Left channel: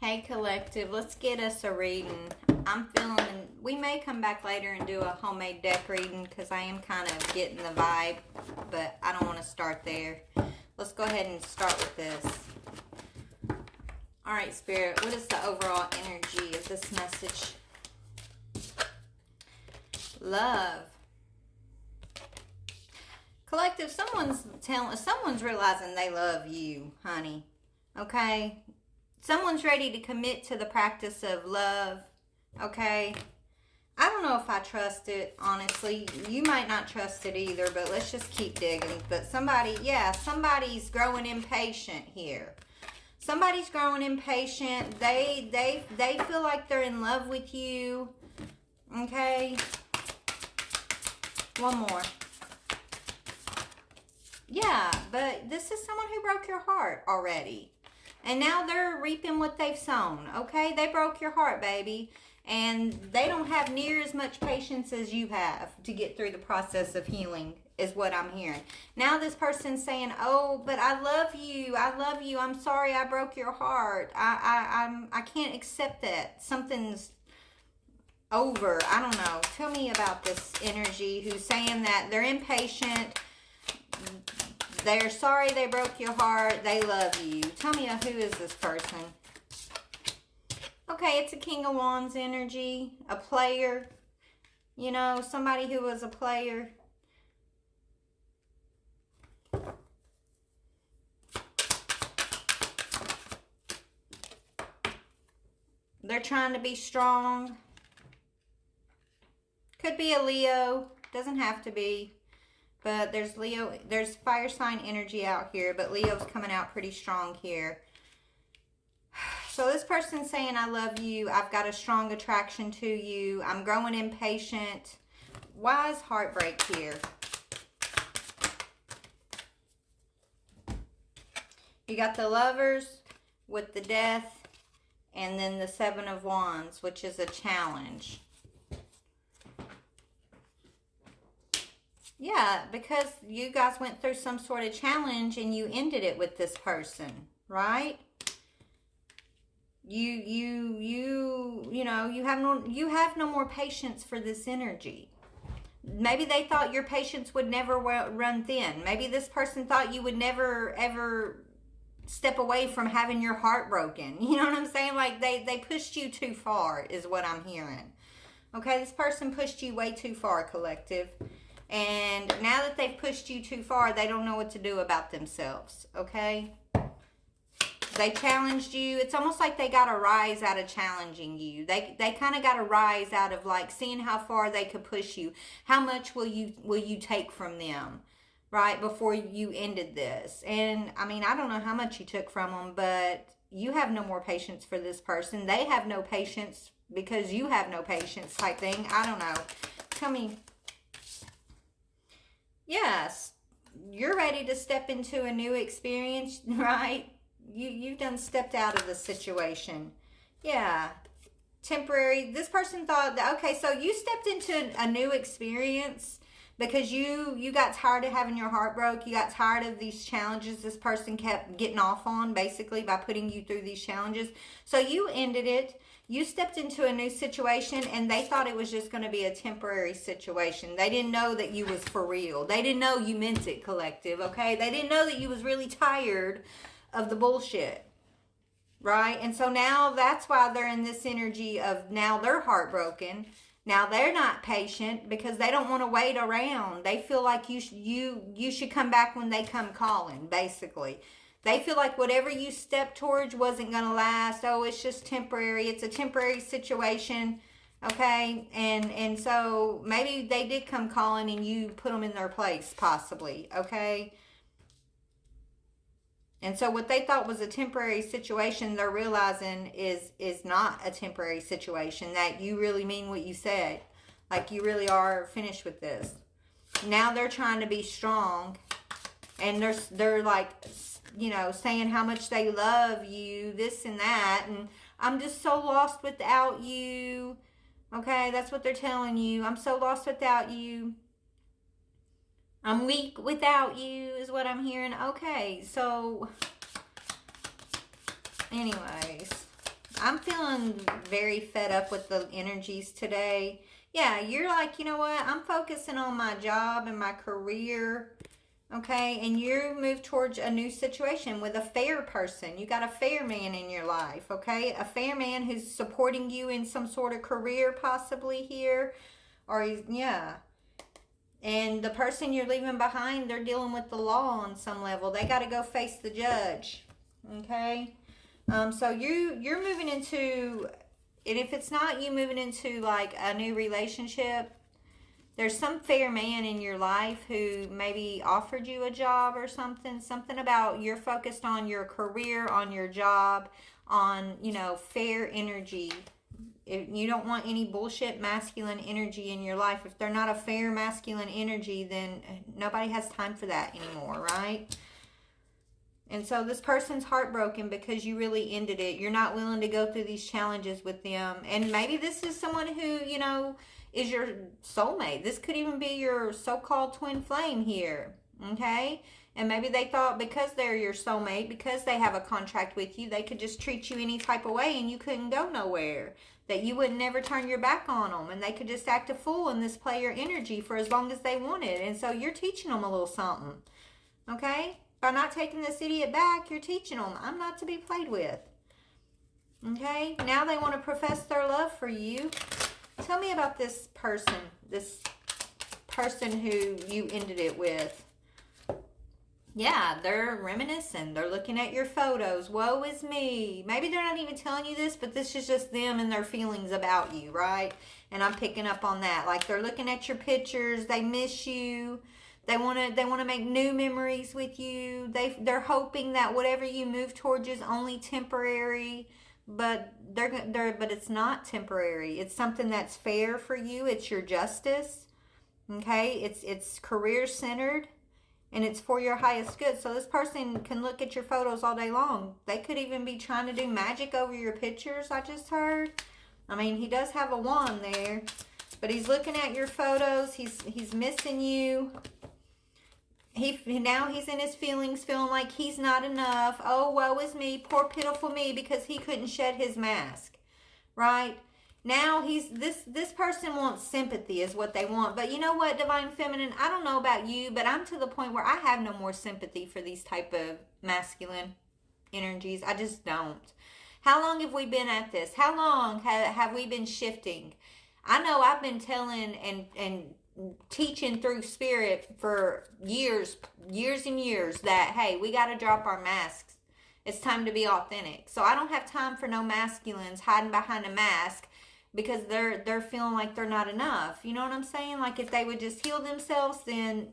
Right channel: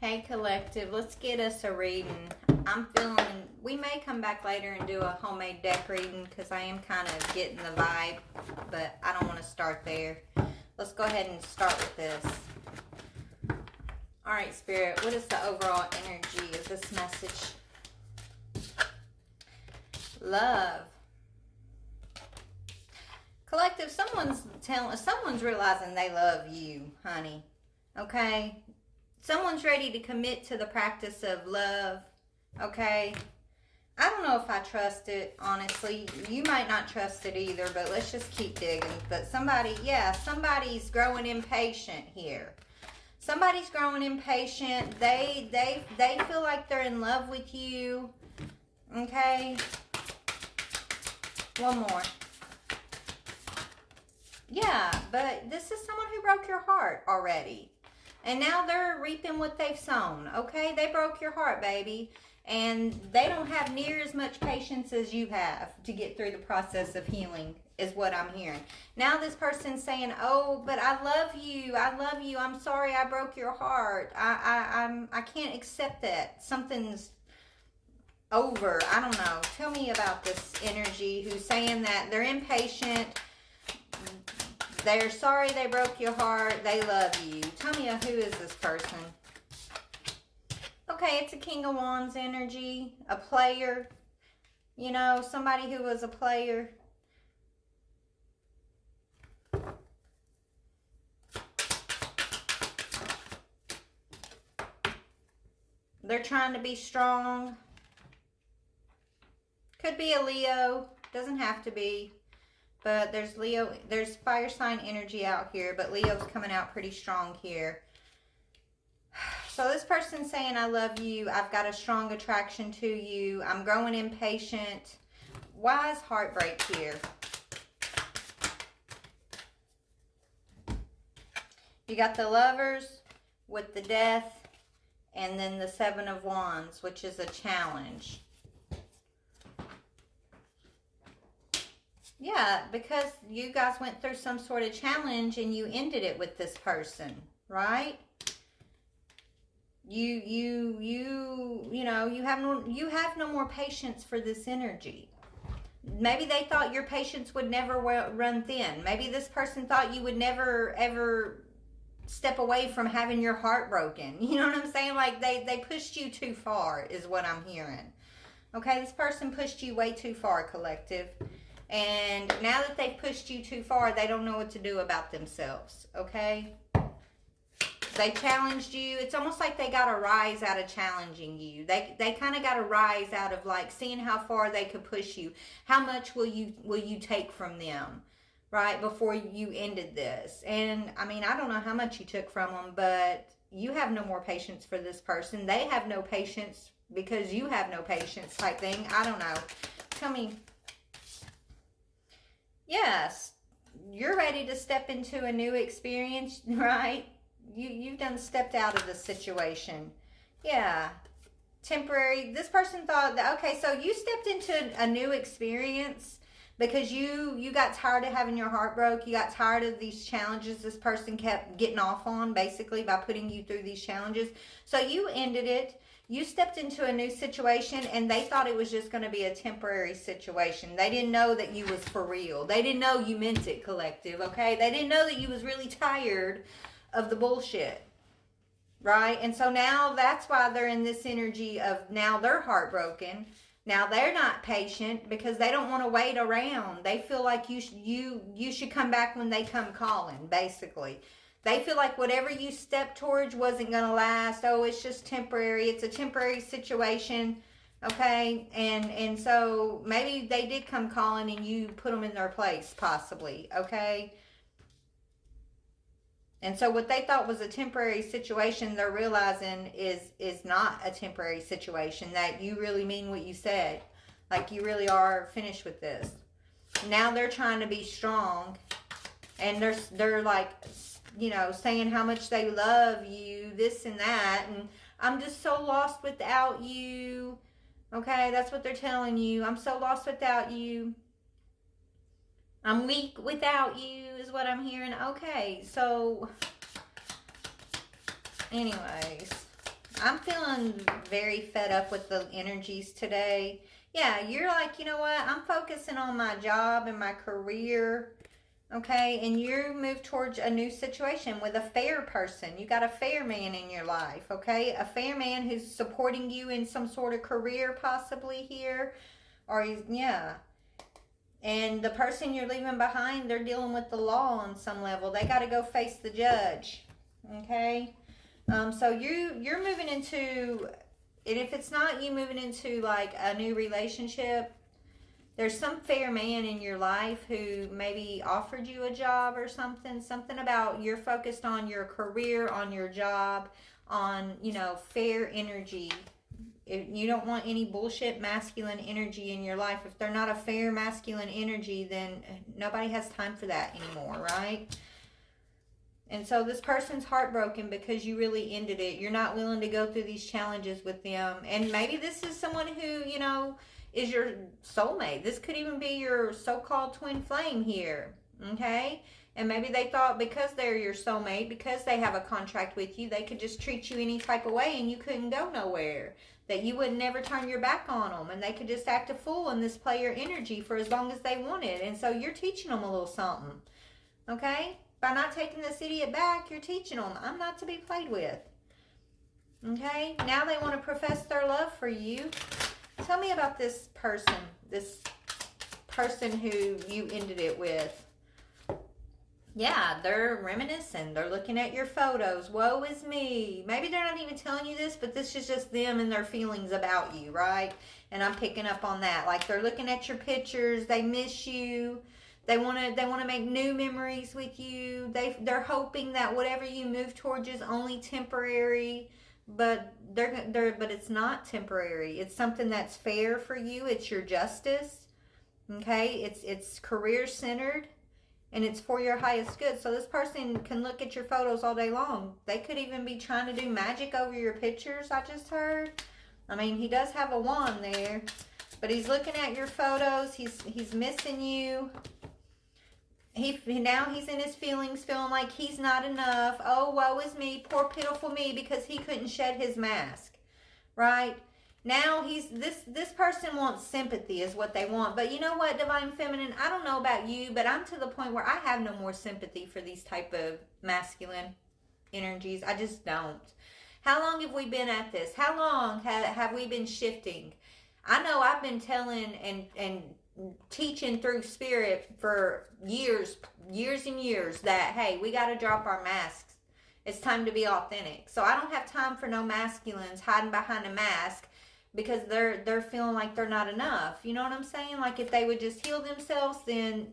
Hey collective, let's get us a reading. I'm feeling, we may come back later and do a homemade deck reading because I am kind of getting the vibe, but I don't want to start there. Let's go ahead and start with this. Alright, Spirit, what is the overall energy of this message? Love. Collective, someone's realizing they love you, honey. Okay? Someone's ready to commit to the practice of love, okay? I don't know if I trust it, honestly. You might not trust it either, but let's just keep digging. But somebody's growing impatient here. Somebody's growing impatient. They feel like they're in love with you, okay? One more. Yeah, but this is someone who broke your heart already. And now they're reaping what they've sown, okay? They broke your heart, baby. And they don't have near as much patience as you have to get through the process of healing, is what I'm hearing. Now this person's saying, oh, but I love you. I love you. I'm sorry I broke your heart. I can't accept that. Something's over. I don't know. Tell me about this energy who's saying that they're impatient. They're sorry they broke your heart. They love you. Tell me who is this person? Okay, it's a King of Wands energy. A player. You know, somebody who was a player. They're trying to be strong. Could be a Leo. Doesn't have to be. But there's fire sign energy out here, but Leo's coming out pretty strong here. So this person's saying, I love you. I've got a strong attraction to you. I'm growing impatient. Why is heartbreak here? You got the Lovers with the Death, and then the Seven of Wands, which is a challenge. Yeah, because you guys went through some sort of challenge and you ended it with this person, right? You know, you have no more patience for this energy. Maybe they thought your patience would never run thin. Maybe this person thought you would never ever step away from having your heart broken. You know what I'm saying? Like they pushed you too far is what I'm hearing. Okay, this person pushed you way too far, collective. And now that they've pushed you too far, they don't know what to do about themselves, okay? They challenged you. It's almost like they got a rise out of challenging you. They kind of got a rise out of like seeing how far they could push you. How much will you take from them, right, before you ended this? And, I mean, I don't know how much you took from them, but you have no more patience for this person. They have no patience because you have no patience type thing. I don't know. Tell me. Yes, you're ready to step into a new experience, right? You've done stepped out of the situation. Yeah. Temporary. This person thought that, okay, so you stepped into a new experience because you got tired of having your heart broke. You got tired of these challenges this person kept getting off on, basically, by putting you through these challenges. So you ended it. You stepped into a new situation and they thought it was just going to be a temporary situation. They didn't know that you was for real. They didn't know you meant it, collective, okay? They didn't know that you was really tired of the bullshit, right? And so now that's why they're in this energy of now they're heartbroken. Now they're not patient because they don't want to wait around. They feel like you should come back when they come calling, basically. They feel like whatever you stepped towards wasn't going to last. Oh, it's just temporary. It's a temporary situation, okay? And so maybe they did come calling and you put them in their place, possibly, okay? And so what they thought was a temporary situation, they're realizing is not a temporary situation, that you really mean what you said. Like you really are finished with this. Now they're trying to be strong, and they're like, you know, saying how much they love you, this and that, and I'm just so lost without you. Okay, that's what they're telling you. I'm so lost without you. I'm weak without you is what I'm hearing. Okay, so anyways, I'm feeling very fed up with the energies today. Yeah, you're like, you know what? I'm focusing on my job and my career. Okay, and you move towards a new situation with a fair person. You got a fair man in your life, okay? A fair man who's supporting you in some sort of career possibly here. Or he's, yeah. And the person you're leaving behind, they're dealing with the law on some level. They got to go face the judge, okay? So you're moving into, and if it's not you moving into like a new relationship, there's some fair man in your life who maybe offered you a job or something about you're focused on your career, on your job, on, you know, fair energy. If you don't want any bullshit masculine energy in your life. If they're not a fair masculine energy, then nobody has time for that anymore, right? And so this person's heartbroken because you really ended it. You're not willing to go through these challenges with them. And maybe this is someone who, you know, is your soulmate. This could even be your so-called twin flame here, okay? And maybe they thought because they're your soulmate, because they have a contract with you, they could just treat you any type of way and you couldn't go nowhere. That you would never turn your back on them and they could just act a fool and this play your energy for as long as they wanted. And so you're teaching them a little something, okay? By not taking this idiot back, you're teaching them I'm not to be played with, okay? Now they want to profess their love for you. Tell me about this person who you ended it with. Yeah, they're reminiscing. They're looking at your photos. Woe is me. Maybe they're not even telling you this, but this is just them and their feelings about you, right? And I'm picking up on that. Like they're looking at your pictures. They miss you. They want to make new memories with you. They're hoping that whatever you move towards is only temporary. But but it's not temporary. It's something that's fair for you. It's your justice. Okay? It's career centered and it's for your highest good. So this person can look at your photos all day long. They could even be trying to do magic over your pictures, I just heard. I mean, he does have a wand there, but he's looking at your photos. He's missing you. Now he's in his feelings, feeling like he's not enough. Oh, woe is me, poor pitiful me, because he couldn't shed his mask, right? Now this person wants sympathy is what they want. But you know what, Divine Feminine, I don't know about you, but I'm to the point where I have no more sympathy for these type of masculine energies. I just don't. How long have we been at this? How long have we been shifting? I know I've been telling and teaching through spirit for years and years that, hey, we got to drop our masks. It's time to be authentic. So I don't have time for no masculines hiding behind a mask because they're feeling like they're not enough. You know what I'm saying? Like if they would just heal themselves, then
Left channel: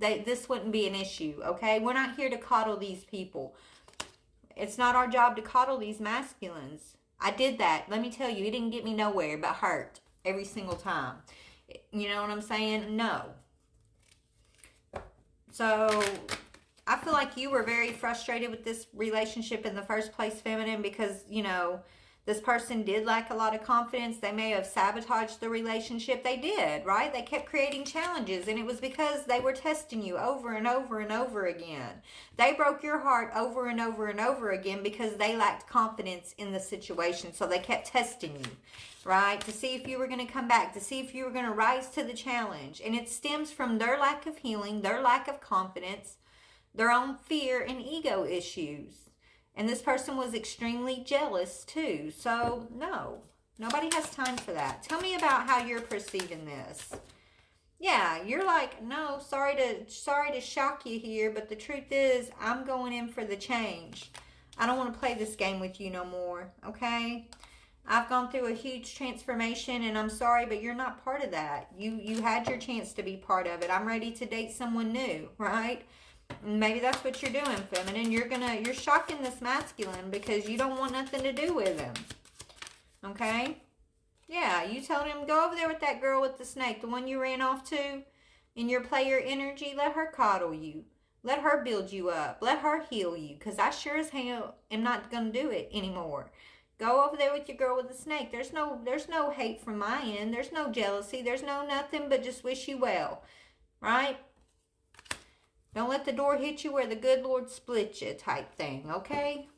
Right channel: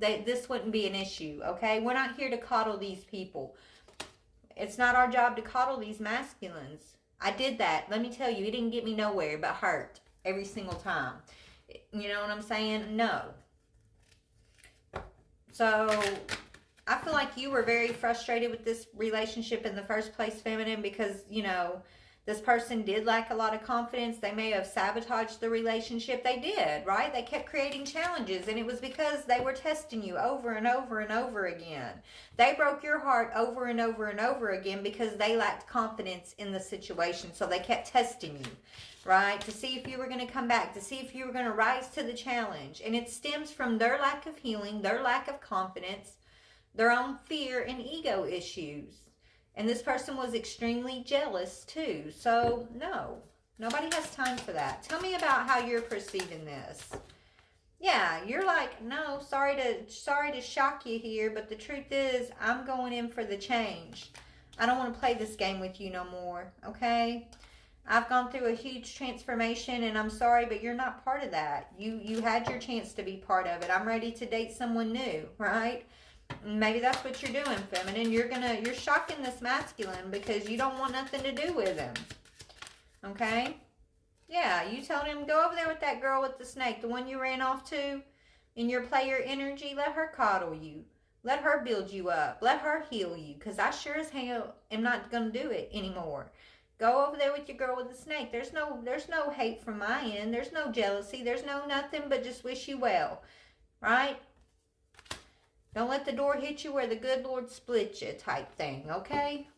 this wouldn't be an issue, okay? We're not here to coddle these people. It's not our job to coddle these masculines. I did that. Let me tell you, it didn't get me nowhere but hurt every single time. You know what I'm saying? No. So I feel like you were very frustrated with this relationship in the first place, Feminine, because, you know, this person did lack a lot of confidence. They may have sabotaged the relationship. They did, right? They kept creating challenges, and it was because they were testing you over and over and over again. They broke your heart over and over and over again because they lacked confidence in the situation, so they kept testing you, right? To see if you were going to come back, to see if you were going to rise to the challenge. And it stems from their lack of healing, their lack of confidence, their own fear and ego issues. And this person was extremely jealous too. So no, nobody has time for that. Tell me about how you're perceiving this. Yeah, you're like, no, sorry to shock you here, but the truth is I'm going in for the change. I don't want to play this game with you no more, okay? I've gone through a huge transformation and I'm sorry, but you're not part of that. You had your chance to be part of it. I'm ready to date someone new, right? Maybe that's what you're doing, Feminine. You're shocking this masculine because you don't want nothing to do with him. Okay? Yeah, you told him, go over there with that girl with the snake, the one you ran off to, in your player energy. Let her coddle you. Let her build you up. Let her heal you, because I sure as hell am not going to do it anymore. Go over there with your girl with the snake. There's no hate from my end. There's no jealousy. There's no nothing but just wish you well. Right? Don't let the door hit you where the good Lord split you type thing, okay?